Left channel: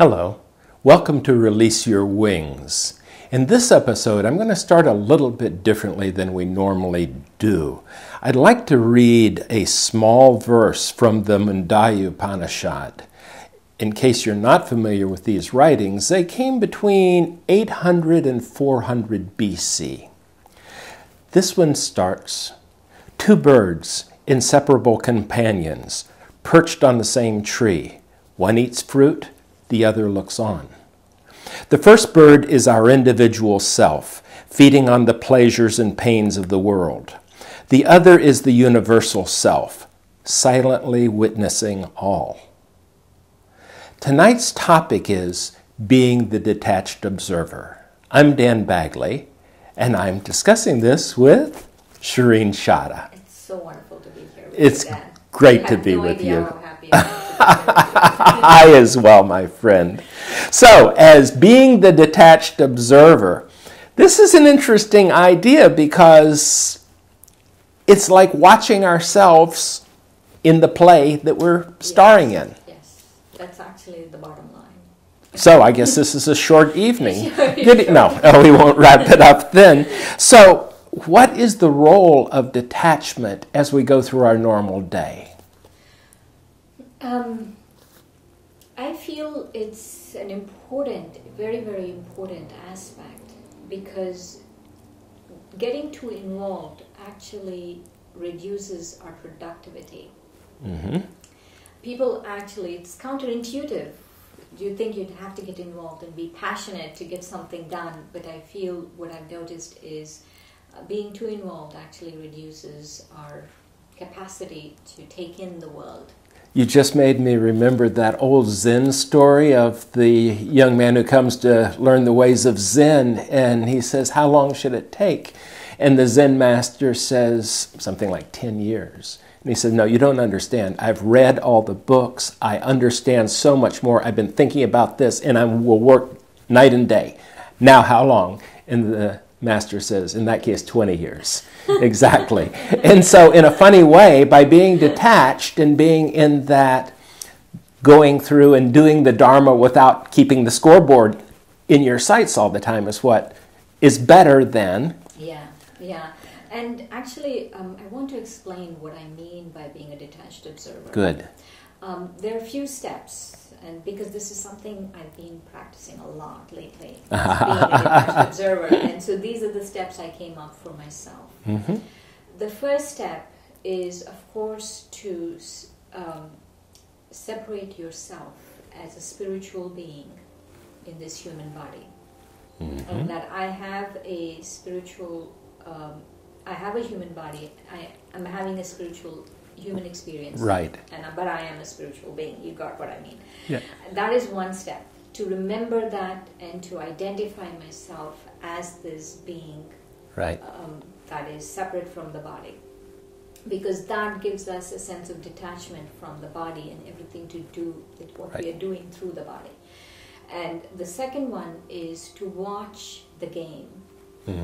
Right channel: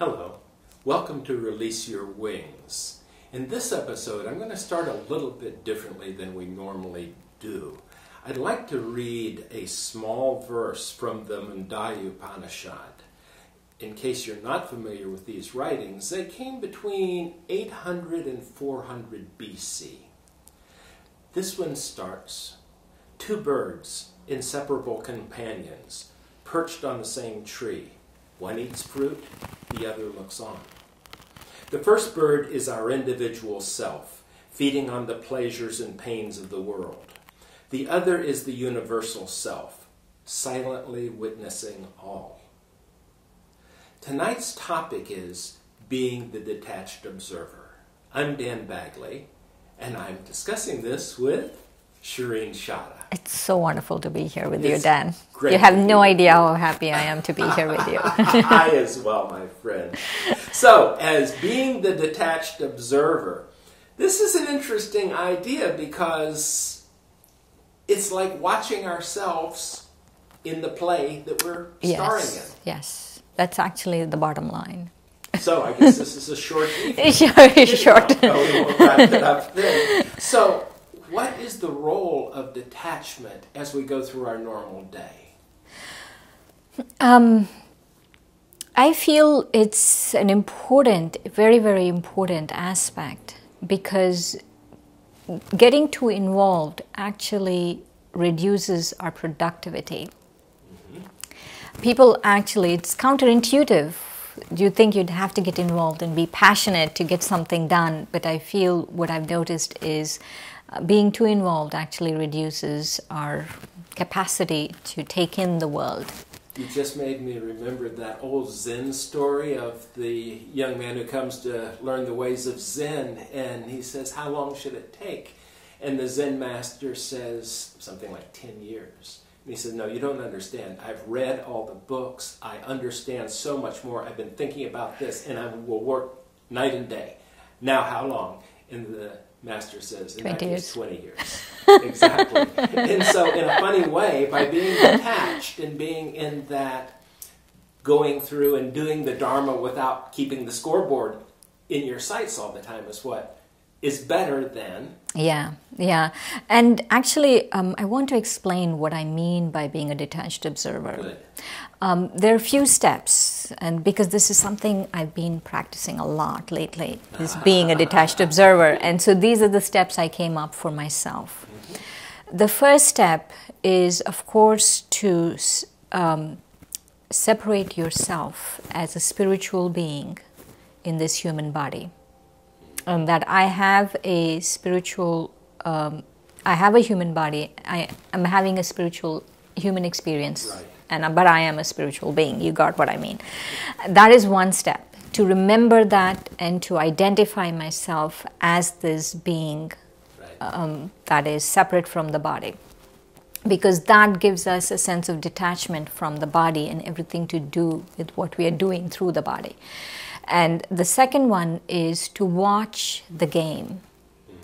Hello, welcome to Release Your Wings. In this episode, I'm going to start a little bit differently than we normally do. I'd like to read a small verse from the Mundaya Upanishad. In case you're not familiar with these writings, they came between 800 and 400 BC. This one starts, "Two birds, inseparable companions, perched on the same tree. One eats fruit, the other looks on. The first bird is our individual self, feeding on the pleasures and pains of the world. The other is the universal self, silently witnessing all." Tonight's topic is being the detached observer. I'm Dan Bagley, and I'm discussing this with Shireen Shada. It's so wonderful to be here with you, Dan. Great you have to be no with idea you. how happy I am to be here with you. I as well, my friend. So, as being the detached observer, this is an interesting idea because it's like watching ourselves in the play that we're starring in. Yes, that's actually the bottom line. So I guess this is a short evening. Very short. No, we won't wrap it up then. So what is the role of detachment as we go through our normal day? I feel it's an important, very, very important aspect because getting too involved actually reduces our productivity. People actually, it's counterintuitive. You think you'd have to get involved and be passionate to get something done, but I feel what I've noticed is being too involved actually reduces our capacity to take in the world. You just made me remember that old Zen story of the young man who comes to learn the ways of Zen, and he says, "How long should it take?" And the Zen master says something like 10 years. And he said, "No, you don't understand. I've read all the books. I understand so much more. I've been thinking about this, and I will work night and day. Now, how long?" And the master says, "In that case, 20 years. Exactly. And so in a funny way, by being detached and being in that going through and doing the Dharma without keeping the scoreboard in your sights all the time is what is better than... Yeah. And actually, I want to explain what I mean by being a detached observer. Good. There are a few steps, and because this is something I've been practicing a lot lately, is being a detached observer. And so these are the steps I came up for myself. The first step is, of course, to separate yourself as a spiritual being in this human body. That I have a spiritual, I have a human body, I'm having a spiritual human experience, right? But I am a spiritual being. You got what I mean? Yeah. That is one step, to remember that and to identify myself as this being, right? That is separate from the body, because that gives us a sense of detachment from the body and everything to do with what we are doing through the body. And the second one is to watch the game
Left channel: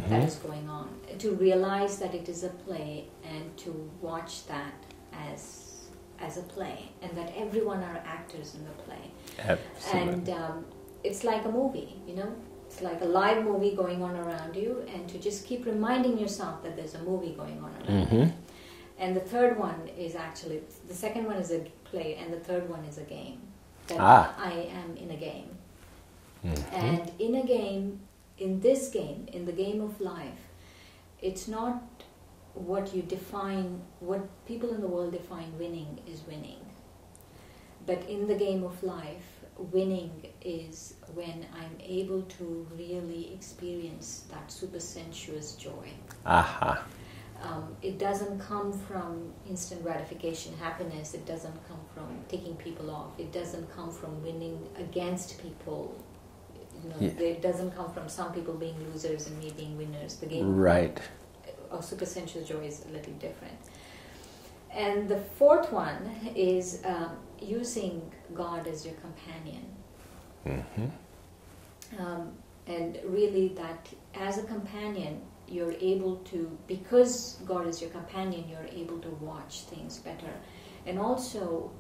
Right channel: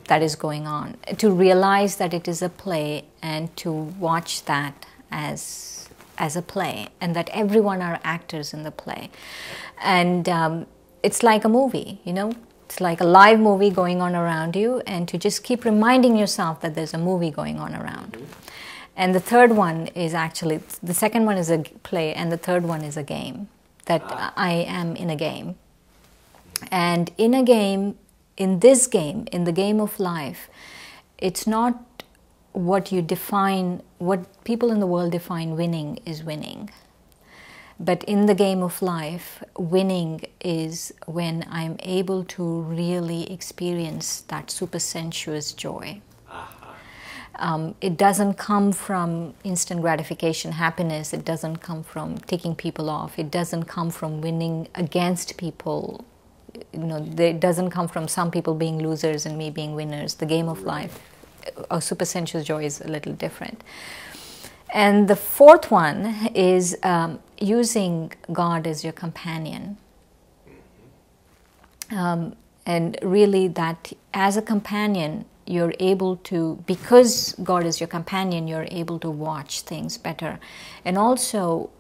that is going on, to realize that it is a play and to watch that as a play, and that everyone are actors in the play. Absolutely. And it's like a movie, you know, it's like a live movie going on around you, and to just keep reminding yourself that there's a movie going on around. And the third one is actually, the second one is a play, and the third one is a game, that I am in a game. And in a game, in this game, in the game of life, it's not what you define, what people in the world define winning is winning. But in the game of life, winning is when I'm able to really experience that super sensuous joy. It doesn't come from instant gratification, happiness. It doesn't come from ticking people off. It doesn't come from winning against people. You know, it doesn't come from some people being losers and me being winners. The game of life, a super sensuous joy, is a little different. And the fourth one is using God as your companion. And really that as a companion, you're able to, because God is your companion, you're able to watch things better. And also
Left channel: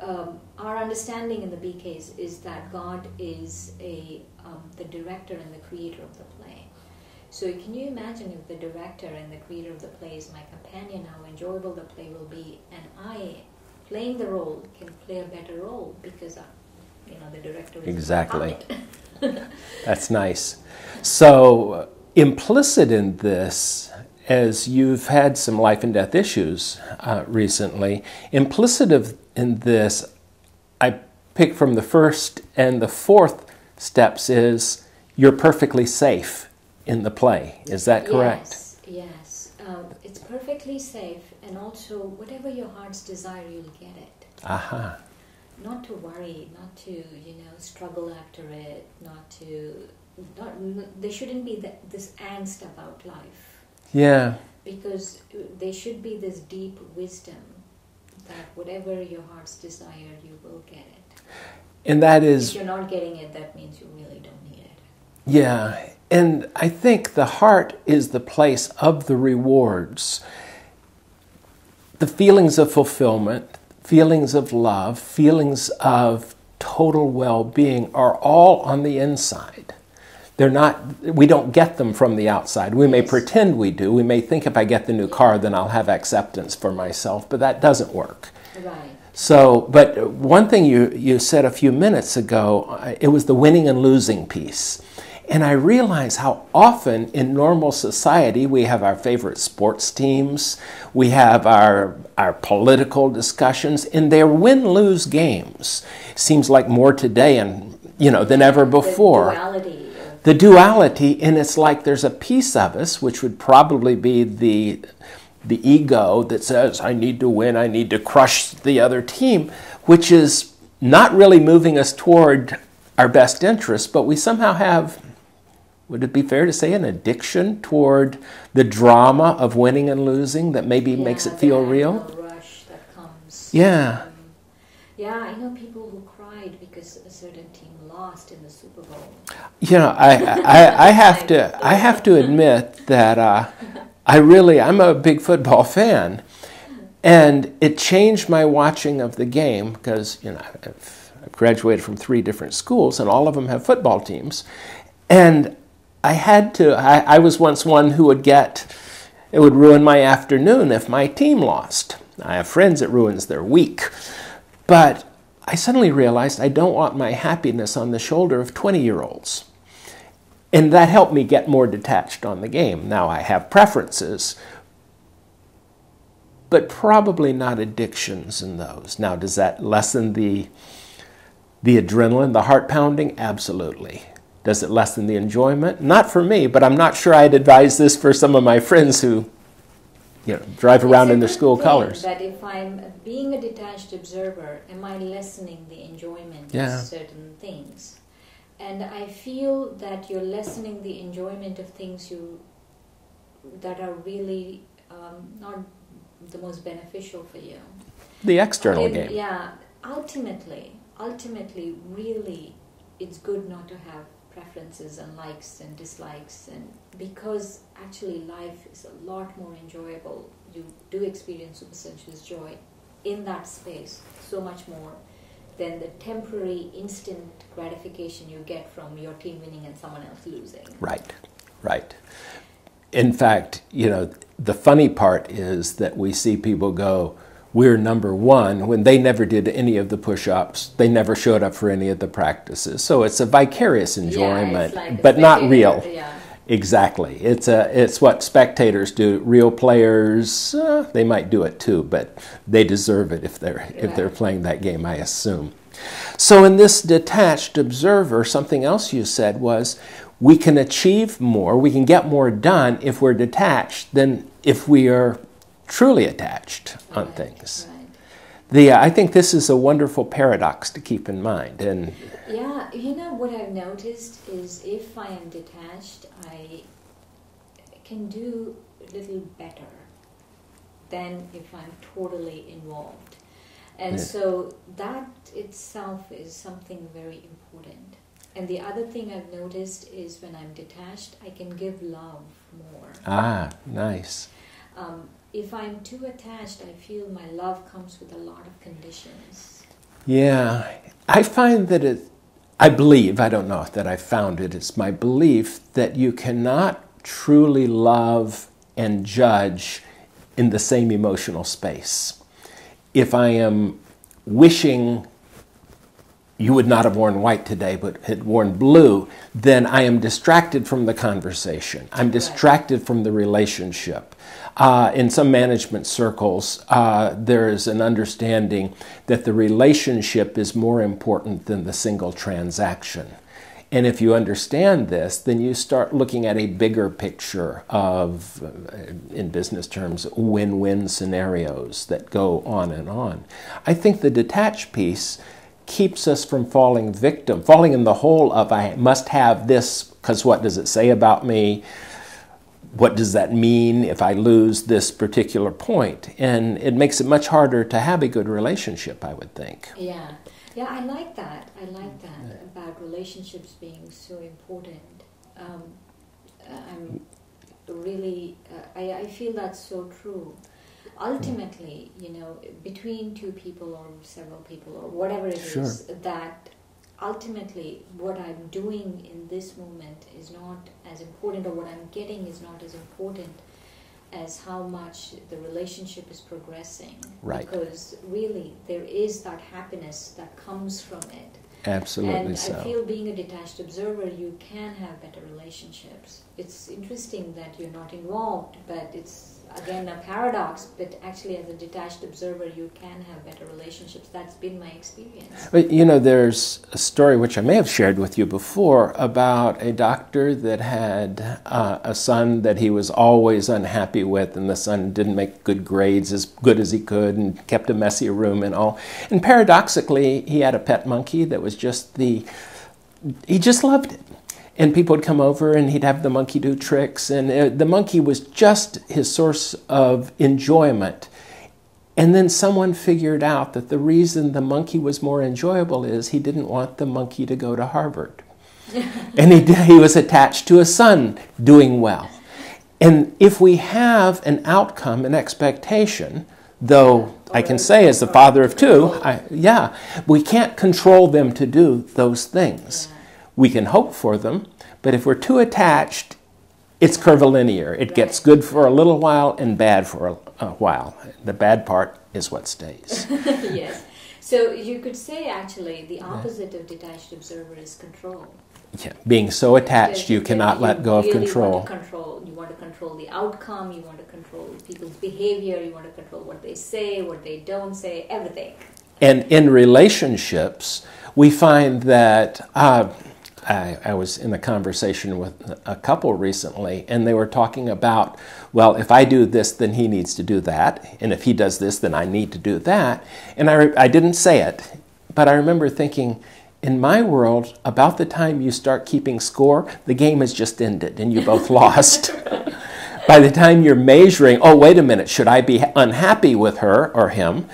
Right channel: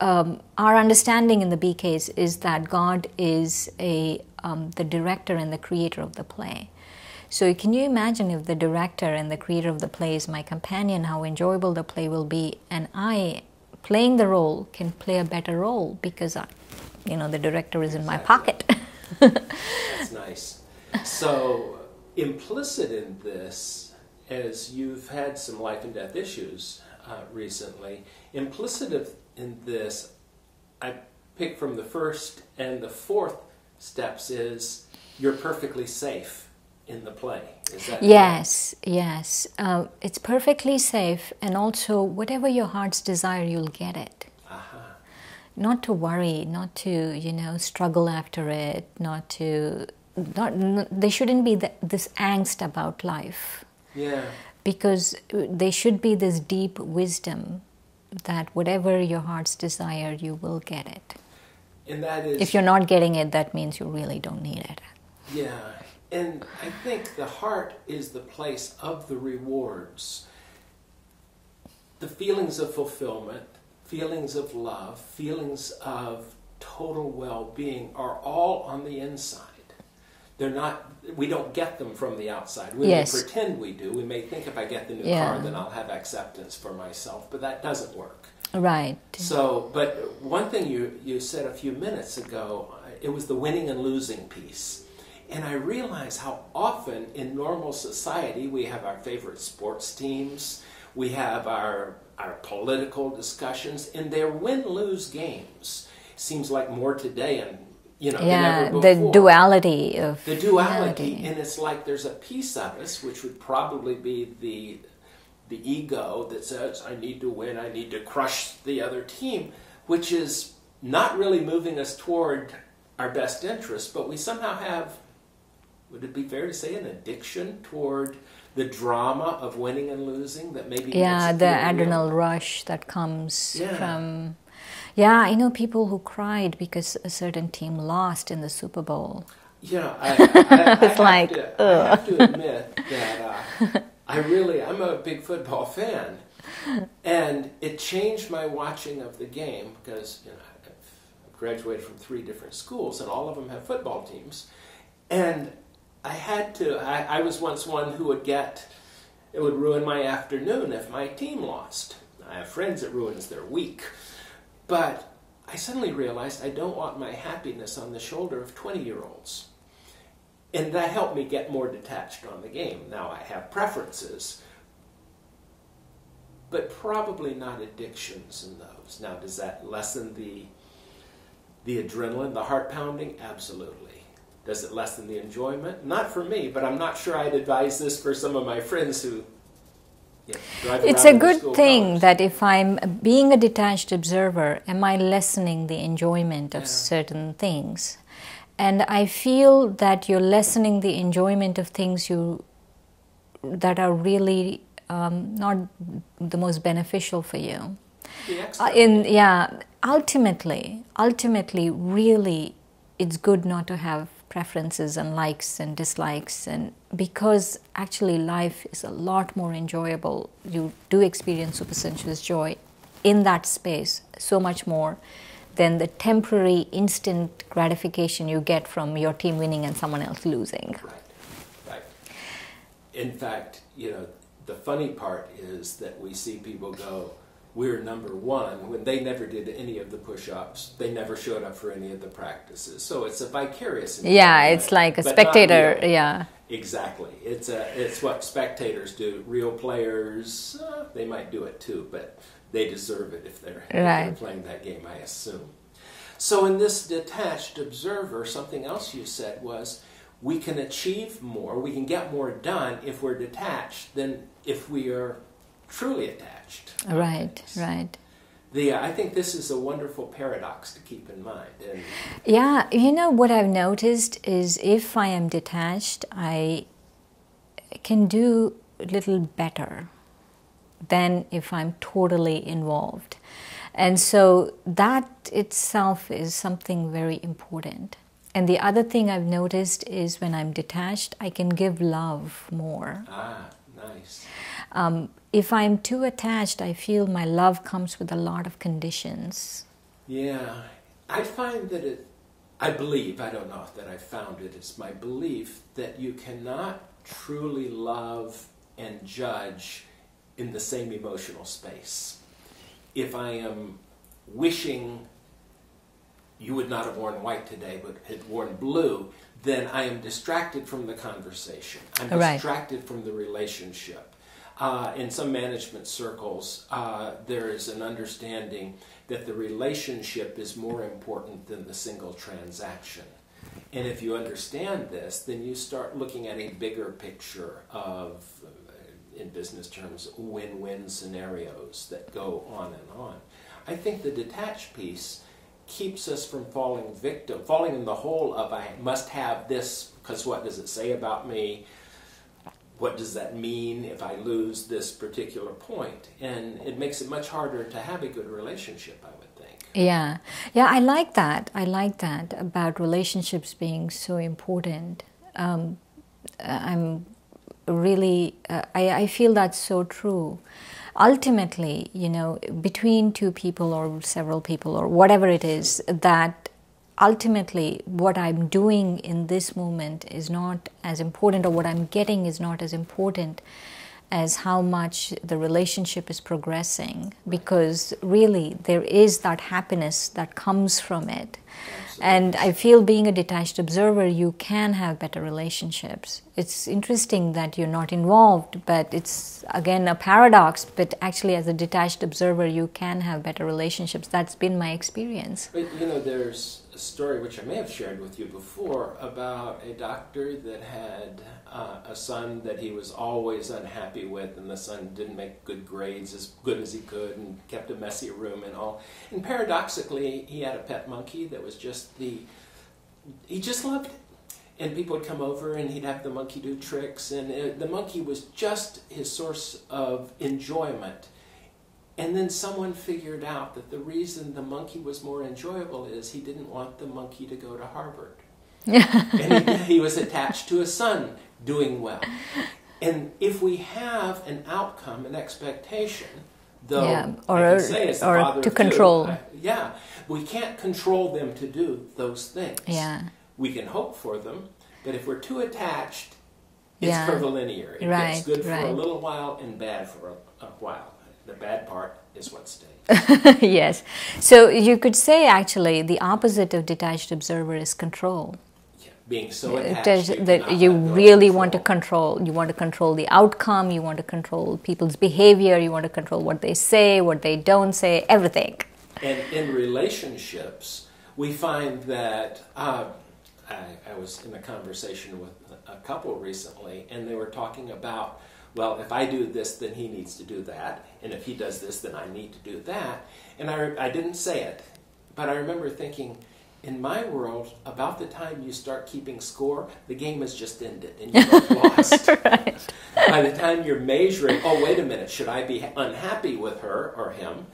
our understanding in the B case is that God is the director and the creator of the play. So can you imagine if the director and the creator of the play is my companion, how enjoyable the play will be, and I, playing the role, can play a better role because the director is Exactly. in my pocket. That's nice. So implicit in this, as you've had some life and death issues recently, implicit in this, I pick from the first and the fourth steps is you're perfectly safe in the play. Is that correct? Yes. It's perfectly safe, and also whatever your heart's desire, you'll get it. Aha. Not to worry, not to struggle after it, there shouldn't be this angst about life. Yeah. Because there should be this deep wisdom that whatever your heart's desire, you will get it. And that is... If you're not getting it, that means you really don't need it. Yeah. And I think the heart is the place of the rewards. The feelings of fulfillment, feelings of love, feelings of total well-being are all on the inside. They're not, we don't get them from the outside. We may pretend we do. We may think if I get the new car, then I'll have acceptance for myself, but that doesn't work. Right. So, but one thing you said a few minutes ago, it was the winning and losing piece. And I realize how often in normal society we have our favorite sports teams, we have our political discussions, and they're win-lose games. Seems like more today than ever before. The duality of... The duality, and it's like there's a piece of us, which would probably be the ego that says, I need to win, I need to crush the other team, which is not really moving us toward our best interests, but we somehow have... Would it be fair to say an addiction toward the drama of winning and losing that maybe makes it feel real? Yeah, the adrenal rush that comes. Yeah. I know people who cried because a certain team lost in the Super Bowl. I have to admit that I'm a big football fan, and it changed my watching of the game because I've graduated from 3 different schools and all of them have football teams, and I was once one who it would ruin my afternoon if my team lost. I have friends it ruins their week. But I suddenly realized I don't want my happiness on the shoulder of 20-year-olds. And that helped me get more detached on the game. Now I have preferences, but probably not addictions in those. Now, does that lessen the adrenaline, the heart pounding? Absolutely. Does it lessen the enjoyment? Not for me, but I'm not sure I'd advise this for some of my friends who drive around in the school colors. It's a good thing that if I'm being a detached observer, am I lessening the enjoyment of certain things? And I feel that you're lessening the enjoyment of things that are really not the most beneficial for you. The external ultimately, really, it's good not to have preferences and likes and dislikes, and because actually life is a lot more enjoyable. You do experience supersensuous joy in that space so much more than the temporary instant gratification you get from your team winning and someone else losing. Right. In fact, the funny part is that we see people go, we're number one, when they never did any of the push-ups. They never showed up for any of the practices. So it's a vicarious enjoyment. Yeah, it's like a but spectator. Not real. Yeah. Exactly. It's what spectators do. Real players, they might do it too, but they deserve it if they're playing that game, I assume. So in this detached observer, something else you said was, we can achieve more, we can get more done if we're detached than if we are truly attached on things. Right. I think this is a wonderful paradox to keep in mind. And what I've noticed is if I am detached, I can do a little better than if I'm totally involved. And so that itself is something very important. And the other thing I've noticed is when I'm detached, I can give love more. Ah, nice. If I'm too attached, I feel my love comes with a lot of conditions. Yeah, I find that I believe, I don't know that I found it, it's my belief that you cannot truly love and judge in the same emotional space. If I am wishing you would not have worn white today, but had worn blue, then I am distracted from the conversation. I'm distracted from the relationship. In some management circles, there is an understanding that the relationship is more important than the single transaction. And if you understand this, then you start looking at a bigger picture of, in business terms, win-win scenarios that go on and on. I think the detached piece keeps us from falling victim, falling in the hole of I must have this because what does it say about me? What does that mean if I lose this particular point? And it makes it much harder to have a good relationship, I would think. Yeah, I like that. I like that about relationships being so important. I'm really, I feel that's so true. Ultimately, you know, between two people or several people or whatever it is, that ultimately what I'm doing in this moment is not as important, or what I'm getting is not as important as how much the relationship is progressing. Right. Because really there is that happiness that comes from it. Absolutely. And I feel being a detached observer, you can have better relationships. It's interesting that you're not involved, but it's again a paradox, but actually as a detached observer you can have better relationships. That's been my experience. But you know, there's a story which I may have shared with you before about a doctor that had a son that he was always unhappy with, and the son didn't make good grades as good as he could and kept a messy room and all. And paradoxically, he had a pet monkey that was just he just loved it. And people would come over and he'd have the monkey do tricks, and the monkey was just his source of enjoyment. And then someone figured out that the reason the monkey was more enjoyable is he didn't want the monkey to go to Harvard. And he was attached to a son doing well. And if we have an outcome, an expectation, though I can say as the father of two, we can't control them to do those things. Yeah. We can hope for them, but if we're too attached, it's curvilinear. It gets good for a little while and bad for a while. The bad part is what stays. Yes. So you could say actually the opposite of detached observer is control. Yeah. Being so attached, you cannot let go of control. You really want to control. You want to control the outcome. You want to control people's behavior. You want to control what they say, what they don't say, everything. And in relationships, we find that I was in a conversation with a couple recently, and they were talking about, well, if I do this, then he needs to do that. And if he does this, then I need to do that. And I didn't say it, but I remember thinking, in my world, about the time you start keeping score, the game has just ended and you both lost. Right. By the time you're measuring, oh, wait a minute, should I be unhappy with her or him?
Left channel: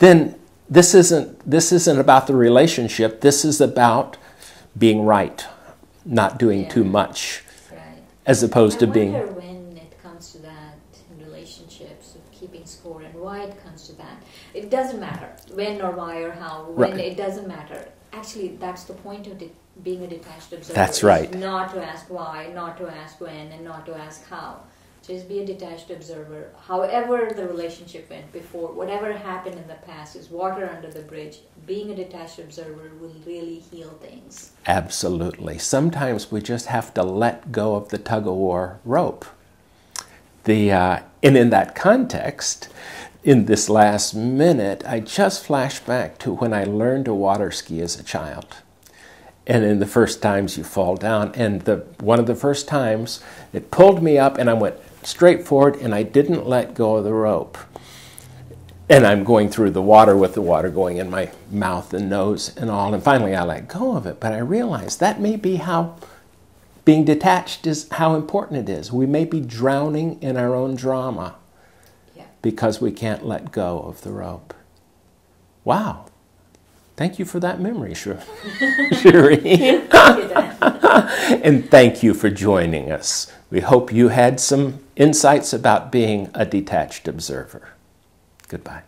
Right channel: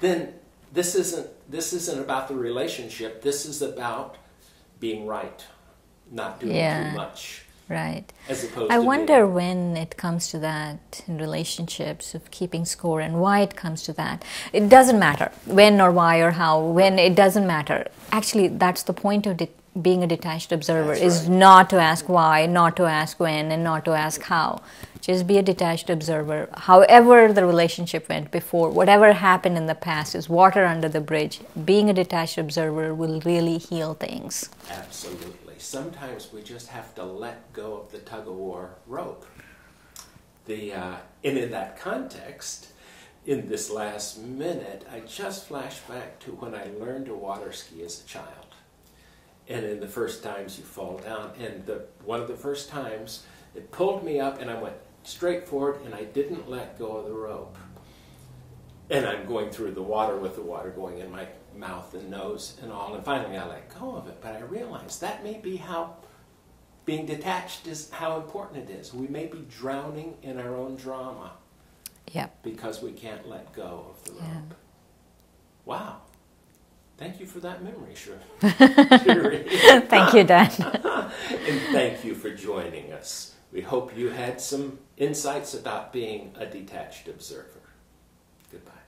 Then this isn't about the relationship. This is about being right, not doing too much. Right. As opposed to being... I wonder when it comes to that in relationships of keeping score and why it comes to that. It doesn't matter when or why or how. When it doesn't matter. Actually, that's the point of being a detached observer. That's is not to ask why, not to ask when, and not to ask how. Just be a detached observer. However the relationship went before, whatever happened in the past is water under the bridge. Being a detached observer will really heal things. Absolutely. Sometimes we just have to let go of the tug-of-war rope. And in that context, in this last minute, I just flashed back to when I learned to water ski as a child. And in the first times you fall down, and one of the first times it pulled me up and I went straight forward and I didn't let go of the rope. And I'm going through the water with the water going in my mouth and nose and all, and finally I let go of it. But I realized that may be how being detached is, how important it is. We may be drowning in our own drama because we can't let go of the rope. Wow. Thank you for that memory, Shuri. Thank you, Dan. And thank you for joining us. We hope you had some insights about being a detached observer. Goodbye.